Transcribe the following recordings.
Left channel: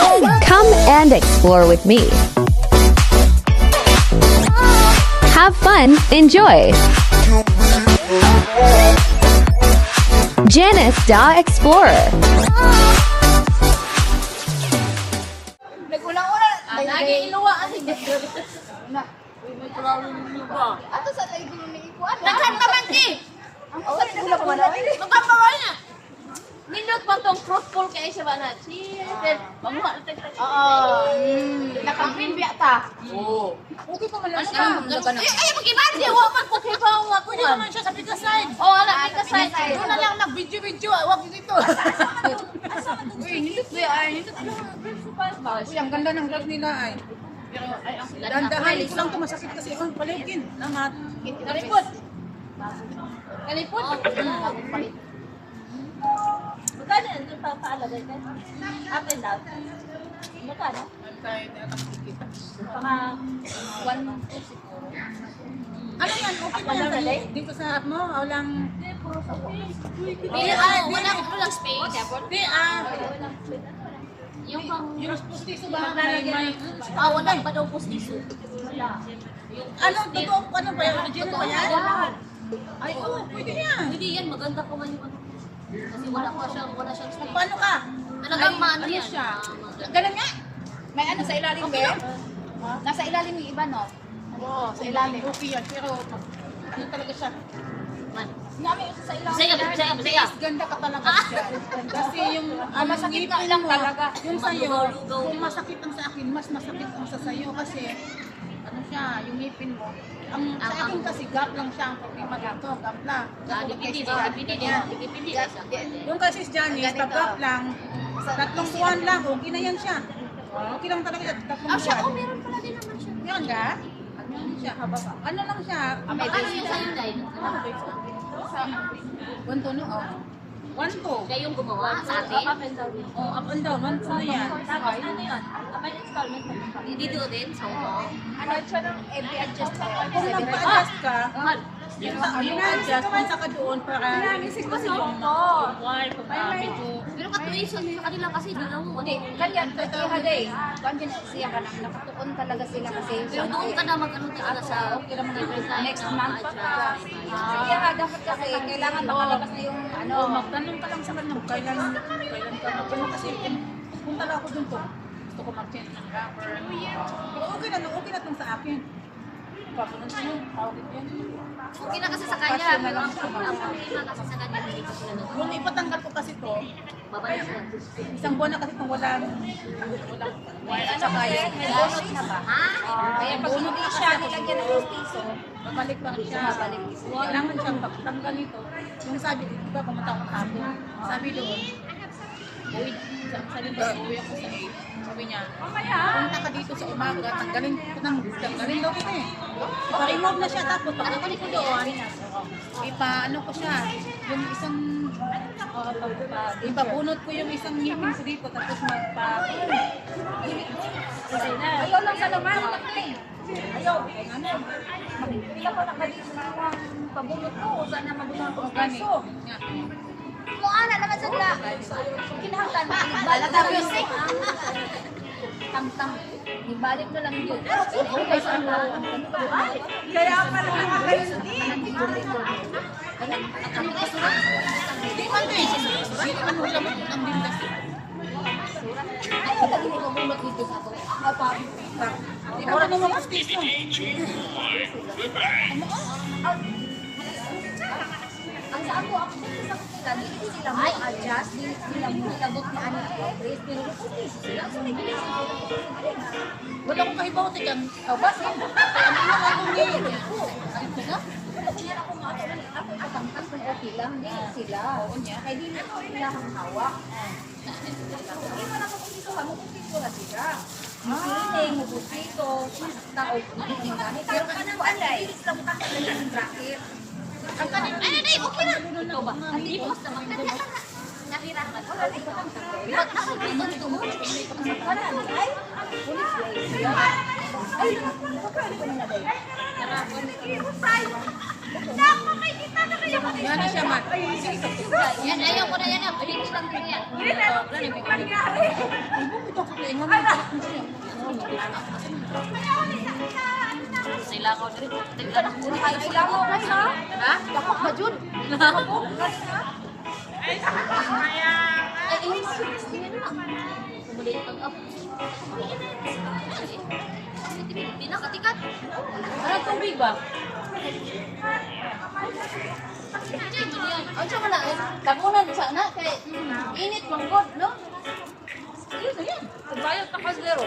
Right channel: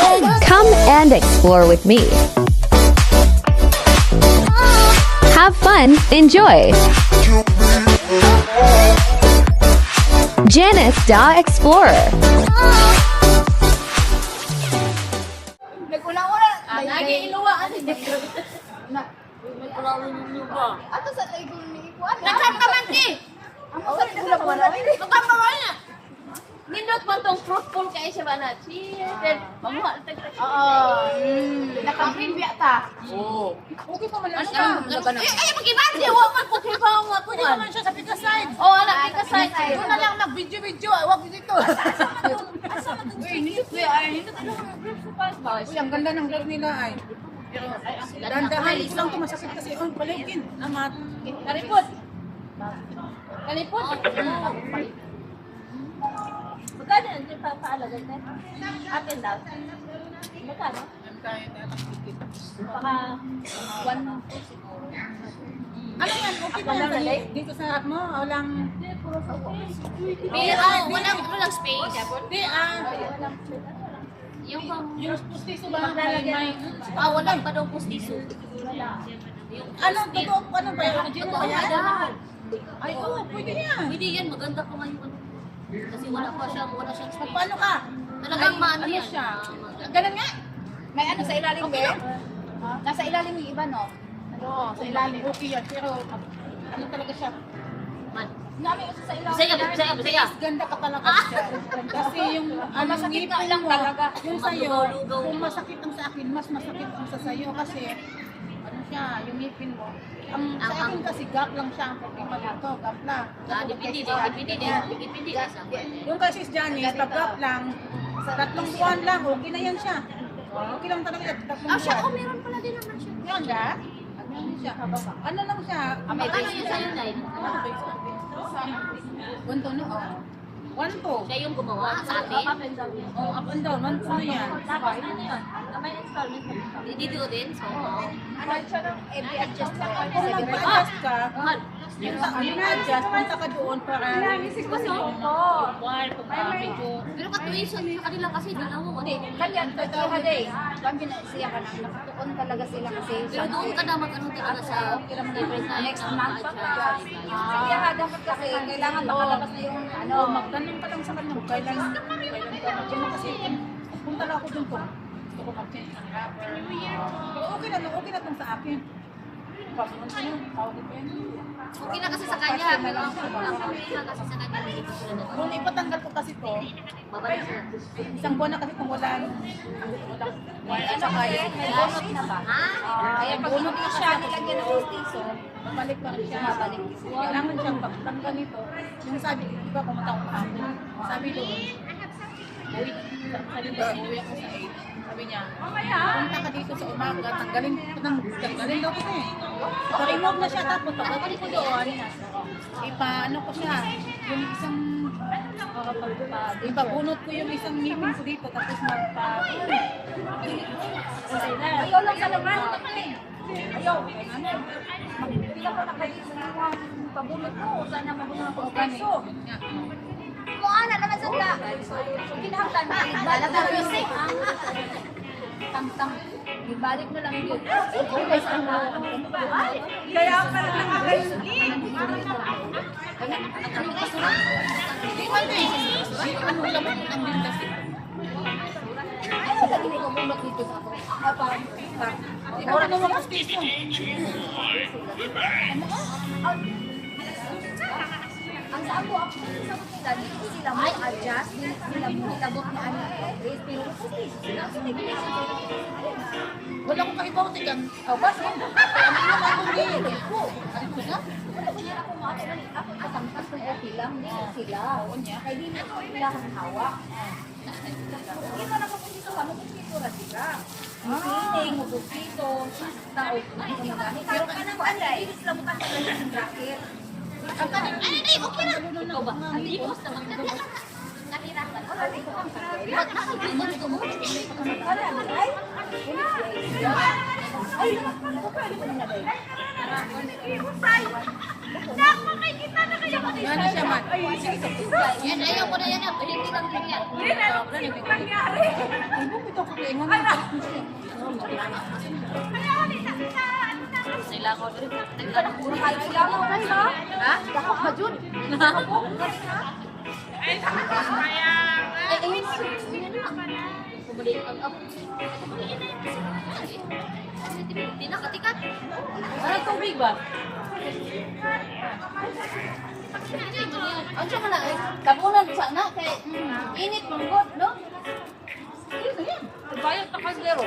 Come and explore with me. Have fun, enjoy. Janice the Explorer. Nag-ulang-ulang. Lagi iluwa ang Na. may kulawin niyo ba? Ato sa tayo gulo ni Ipuan. Nagkan ka man ti! Ang mga nagulapuan. Magkambawal na! Nindot mo tong fruitful kayo siya ba na? Cheers! Then, mamuha. Nakapin biya ta. Oo. Okay pa man lang Ay, mag-iban! Iwa pa po kayo pa. Pwede naman siya sa pika side. Oo, alam, pika side. Doon na lang mag-video-video. Huwag dito. Uy, ang ganda ng gloves nila ay. Dandahan ko lang ito, masakit kasi. Oh, palugin. Amat. Kalipot. Kalipot? Magkano ito paalagay ka? Up and down? Magkano? Baka 1 siguro. Ano yan? Okay pa yan. Dito sa app mo? O lang... Walang space. Di, Yung pang... yung pustiso ba? May... wala pa daw postiso. Yung Ano? Totoo? Ano ba yan? Original totoo ba yan? yan. Ay, oo. Pwede yan. Pwede yan, maganda pa man yung ano. Kasi wala siyang space. Paano ka? Talagang Ay, maano ano yan. siya? Maganda. Ganun nga. May ano sa ilalim Okay ba? lang. Nasa ilalim yung iba no? Oo, sa ilalim. Okay yan. Pero, ano talaga siya? Man. Sinabi ko sa ilalim. Bisaya. Ganda ka talaga siya. Kasi yung ano, masakit na ngipin lang mo, talaga. yung sa'yo, Maglugaw-lugaw kung pa. masakit ang sa akin, mas masakit ang sa sa'yo kasi ano siya, yung ngipin mo. Ang sa akin kasi gap lang siya, ang problema dito, gap lang. Dipindi sa Yung kasi si Janice, pag-gap lang, 3 buwan lang, okay na yan siya. Okay lang talaga yan, 3 buwan. meron pala din naman siya. Meron ka? Meron siya. Ano lang siya? Ano yung sa'yo, Day? One to, no? Oo. 1 to. Siya yung gumawa sa atin? Oh, up and down, 1 to na yan. Dito din, sa Hong Part siya ng every adjustment. Kung nagpa-adjust ka, Mahal. yung adjust, punta ka doon para kasi yung wire, kung medyo... Pero katuisan sa kanila kasi dalawa. Hindi, kanya, kaya day. Kanya siya ka lang, nakatuon talaga sila kasi. Pero doon ka na mag-ano talaga sa different time Next na month maka-adjust. Kaya nga, dapat kasi kailangan makalabas na yung ano. Oh, magtanong ka lang sa kanya kung kailan ka magtanong kasi punta lang ako doon po. Gusto ko mag-change ng rubber. Pero okay na tong sa akin. Papunta na, tawag ito yan. Okay na kasi sa kanya, pero ang problema kasi sa kanya, hindi ko sila nag- Kung ipatanggal ko kasi to, Babalik sila. isang buwan na kasi itong walang wire at saka yung Bonus na ba? Ha? Kaya pag bonus hindi na siya kasi ako nilagyan ng siguro. piso, babalik pa rin siya. Kailangan siyang pagtanggal nito. Yung sabi, di ba pumunta ako kahapon, sabi doon, uwi, sabi ko, uwi ako sa 8. Sabi niya, punta ka dito sa umaga, tanggalin daw kita eh. Ipa-remove na siya, tapos pagkabalik ko doon, ipa-ano ko siya, yung isang, ipabunot ko yung isang ngipin ko dito, tapos ayaw lang sa laman. Ayaw. Hindi ko nakalimutan ng pabulot ko. Saan na mabulot ng piso? Kung ana naman sa sila. Kinahanglan mo. Balat na rin siya. Tang-tang. Ibalik na lang yun. Okay, saan na? Kaya pala nakakalit. Hindi man eh, hindi man hulamot ko ng dindas. Ano lagi na ibabulot dito sa ako? Ikaw na naman ang station. Ang sa ako sagot nila, hindi sila mo adjust, hindi sila mo nilabot na ano yung place, pero kung sila, so may ginagawa sila. Wala akong kahibaw tigang. Bas mo. Kaya ang ilan ako ngayon. Ano ko na? Wala ko ako nga ako katangtang kung okay lang, hindi sila. Oo niya. Kaya di na sila kang hawak. Hindi man ako kung dito ka, mabusito na sila. Misiling, mabusito, tao, hindi ka magani. Pero kanang ko, ano, hindi sila mo tatanggal yung bracket. Ano na okay na. Ikaw ba? Hindi ko basta magkanya ka na. Natirahan. Pag nakagigod ko, Para ni ay, ulit siya. Ay, nakakakakali ko na na dahil. Gana siya man. yan ayaw ko na yan. Hindi lang din yan. Ibong ito ko Sila ko din. Ilangaw ka ha? Ha? Dakak ka dyan. Ay, ayun na. Pumuli ang up. Di nakatikat. Ano tubig ba? Hindi man yan. Ang sa mana, tabunan sana kay init manggod, no? Bayad pa kaldero.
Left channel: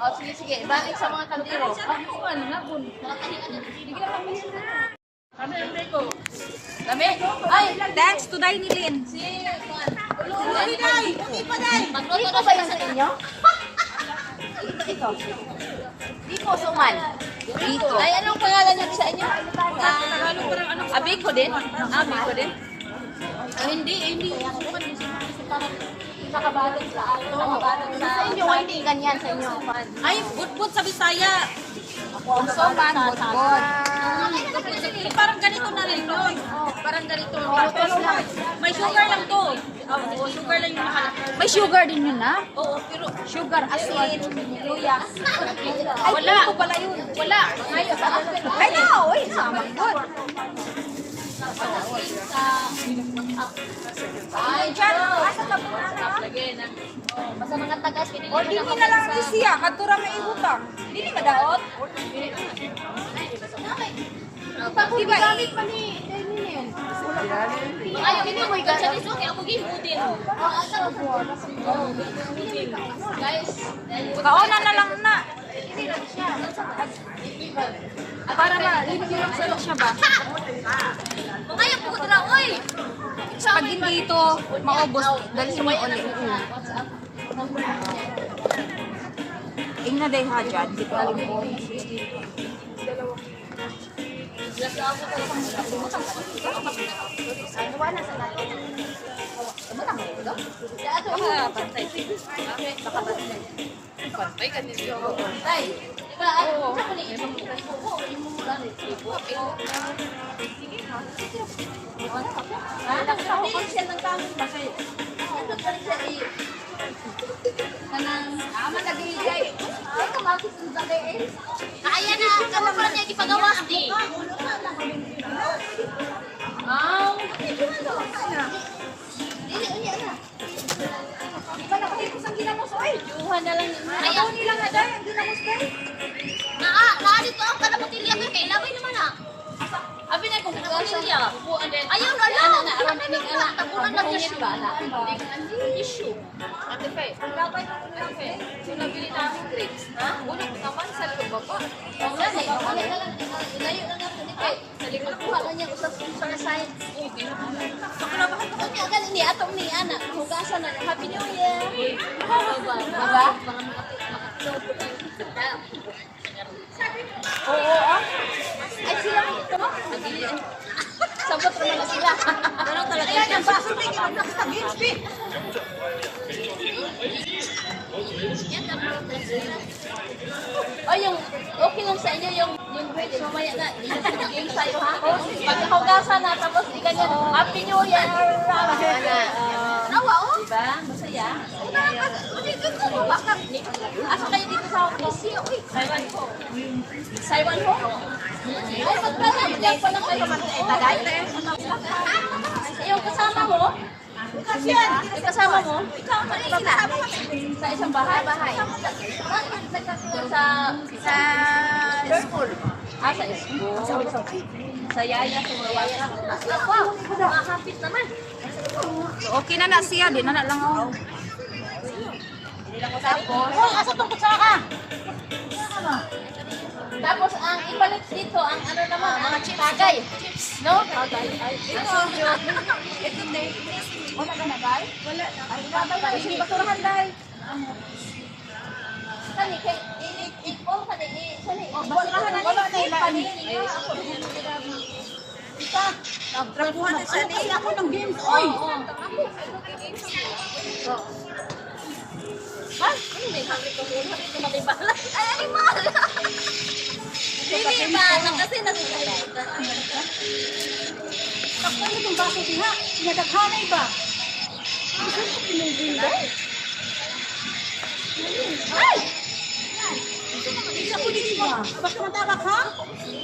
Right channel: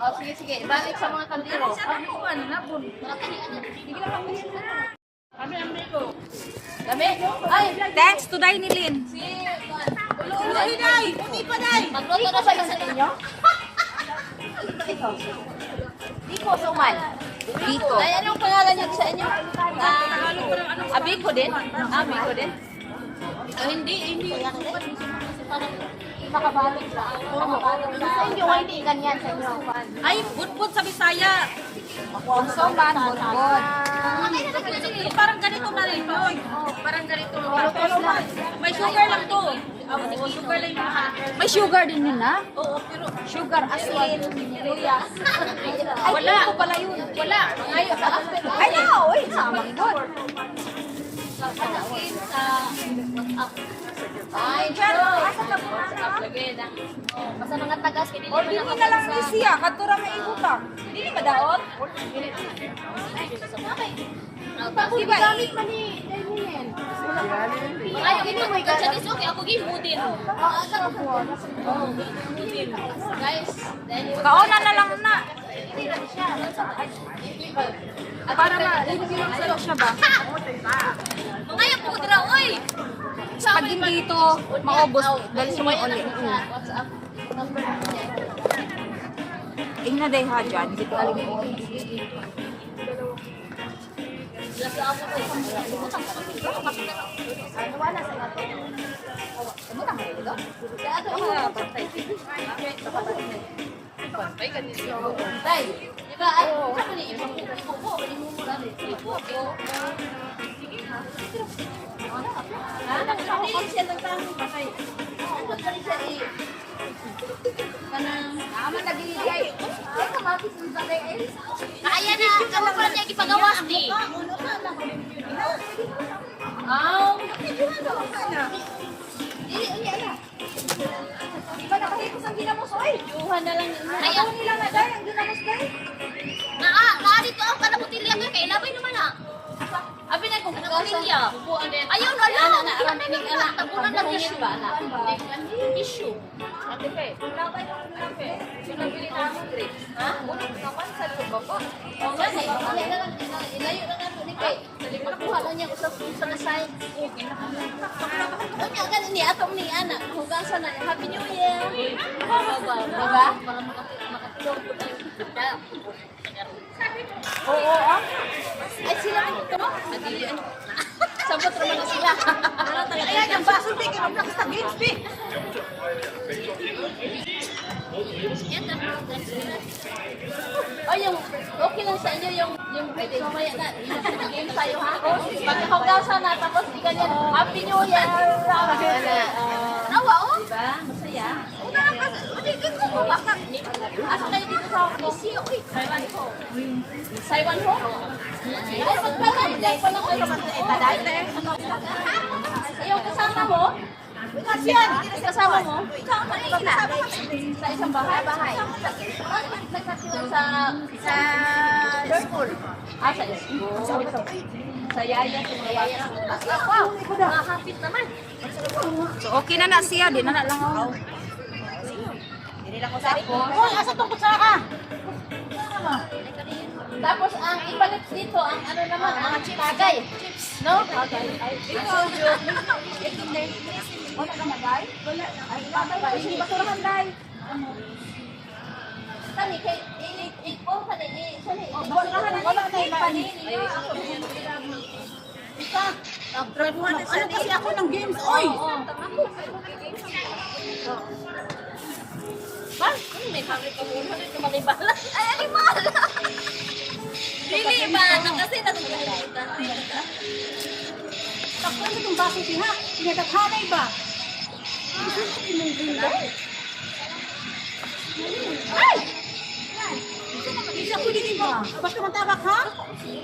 Oh, sige, balik sa mga kaldero. Ano ano na bun? Nakatahian na. Kami ang ko. Dami? Ay, Thanks to Dainilin. si Magluto Diko na ba siya yan sa sa inyo? Ito. Diko Suman. Dito. Ay, anong pangalan niyo sa inyo? Abiko din? Abiko din? Hindi. Nakabalik sa nakabalik sa inyo, hindi ganyan sa inyo. Ay, budbud sa Bisaya. Suman, bodbod. Parang ganito na rin yun. Parang ganito. May sugar lang to. Oo, sugar lang yung nakalagay. May sugar din yun na? Oo, pero Sugar, asin, luya. Ay, Wala. ito pala yun. wala. Ay, no, uy, namanggod. Ay, dyan, asa na po na na? Basta mga tagas kini. O, dini na lang ni siya, kantura may ibutang. Dini madaot? Pag gamit man ni Terminian. Ay, gini mo ka sa diso kay ako gibudin. Guys, Kauna na lang na. Para ma-linig lang sa siya ba? ngayon ko dira oy. Pag din dito, maubos, dali mo ulit. Ingna day ha dyan. Hindi ko alam mo. Ano wala sa natin? Ano na kayo dito? Sa ato iyo. Day, di ba ano sa pala ibo mo lang ibo. Dili siya ng tanong ba kayo? Ano pa rin siya kanang Naman nagigay. Ay, kamakit ng tagay eh. kaya na kamo pa niya gipagawas di. Dili, unya na. Di ba nakahipos ang ginamos? Oy, Kuha na lang. ayaw nila nga dahil ang ginamos dahil. Naa dito ang kanabutilya ka kay labay naman na. Abi na kung Kanabutilya. Ayaw na lang. Ana, aron ning ana. Kabuhingit ba ana? Issue. Labay na kung lang eh. Sinabili na ng grapes. Ha? Una ko naman sa loob. O nga, say, wala na lang. Ilayo na natin ni Kay. Magkuha lang niya sa na science. Okay. Unya, ganun ni atong ni ana. Hugasan na. Happy New Year. Diba? Oo, ah. Ay, sila mo ito. Sabot naman na sila. Ano talaga yan? O yung, okay lang sa inyo yung grades mamaya na. Game sa'yo ha? Pag nakahugasan na, tapos di ganyan, Happy New Year! Diba? Masaya? Asa kayo dito sa Hong Kong? Taiwan ho. Taiwan ho? Ay, magkala, magkala pa lang kayo taday. Yung kasama mo? Yung kasama mo? Sa isang bahay? Bakit nagkakilala sa school? Ah, sa school. Sa yaya, sa mga bata. Mahapit naman. Okay na na siya. Di na na lang ako. Tapos ang ibalik dito ang ano naman, mga tagay. No? Tagay. Ito, wala ka na, Day? Wala. Ay, babay na, isang basurahan, Day. Kani, kay, i-all ka din, basurahan na, wala na, panini niya. Ako, isa. Nagtrabuhan na siya. Kasi ako ng games, oy. May pabrik ko muna. May tumalibala. Ay, animal! Dili ba? Kasi natulay. Ako itong baso diha. Pinagaghanay ba? Gusto ko imong green dye. Ay! Yan. Isa ko din ba? Basta magtawag ha?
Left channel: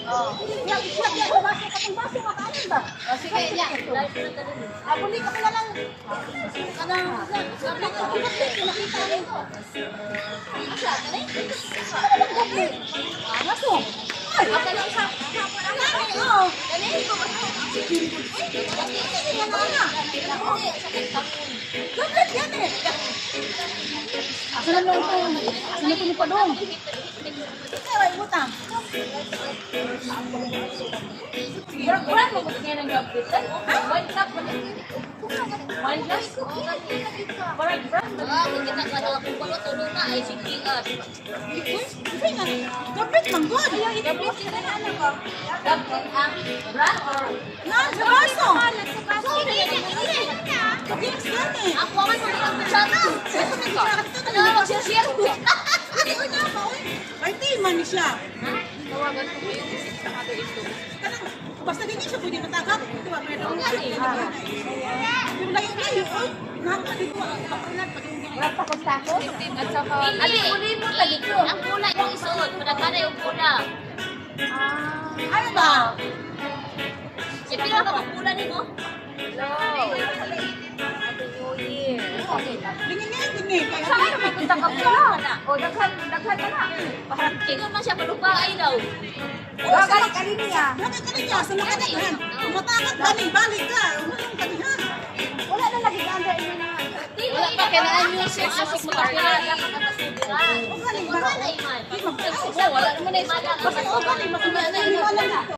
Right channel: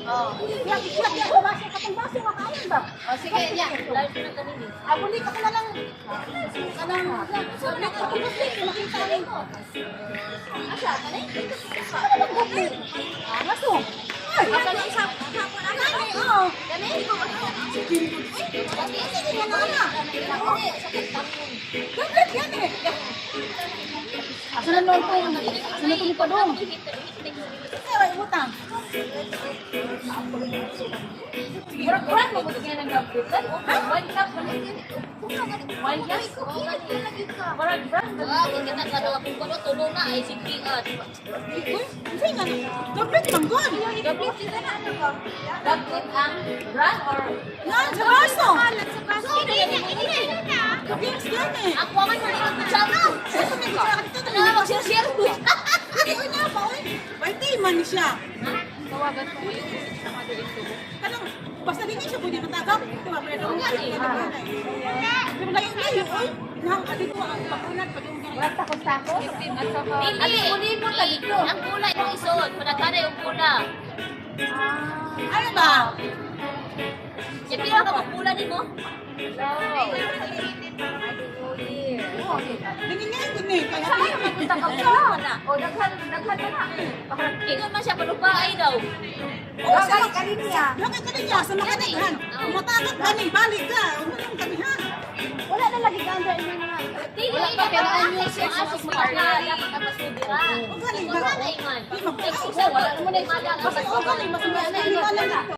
Oo. Siya, baso ka pang baso, makain ba? O, sige, yan. Live na ganun. Abuli ka na lang. Makita rin ko. Asa, kanay? Ano bang gabi? Baso. Ay! Kanay siya. Kanay, oo. Kanay? Sige nga na nga. Hindi, sa kantang. Gagad yan eh. Asa na lang ito? Asa na ito ni Padong? Ay, utang. Murag-murag mo ba kaya ng gabitan? One cup mo lang. One glass? Murag-murag mo. Kita ka lang kung ano tulong na ay sigian. Hindi nga. Gabit lang good. Gabit sila na ano ko? Gabit ang brand or? Yan, sa baso. Hindi. Yes, yan eh. Ako ang hindi ang kutsara. Ito na siya. Ito na Ano, mag-share mo. Ay, nga ba? Birthday man siya. Tawagan ko yung sa mga ito. Kanang, basta ganyan siya pwede matagap. Ito ba, pwede akong kasi. Yung layo-layo, oy. Nakakadito ang bakunat. Walang takos-takos? Ate, uli mo ka dito. Ang kulay yung isuot. Pinagkana yung kulay. Ano ba? Siyempre ako ang kulay ni mo. Ganyan yan, ganyan. Kaya Saan ka magpunta ka pala? O, daghan ka na. Ingon man siya palupaay daw. Bakit ka rin niya? Bakit ka rin niya? Sa makadaghan. Umatakat, balik ka. Umunong kanihan. Wala na lagi ka under ini na nga. Wala pa kailangan yung sex kasi makapira. O galing ba? Wala man. Wala Wala mo na yung Basta o galing, mas hindi lang dito.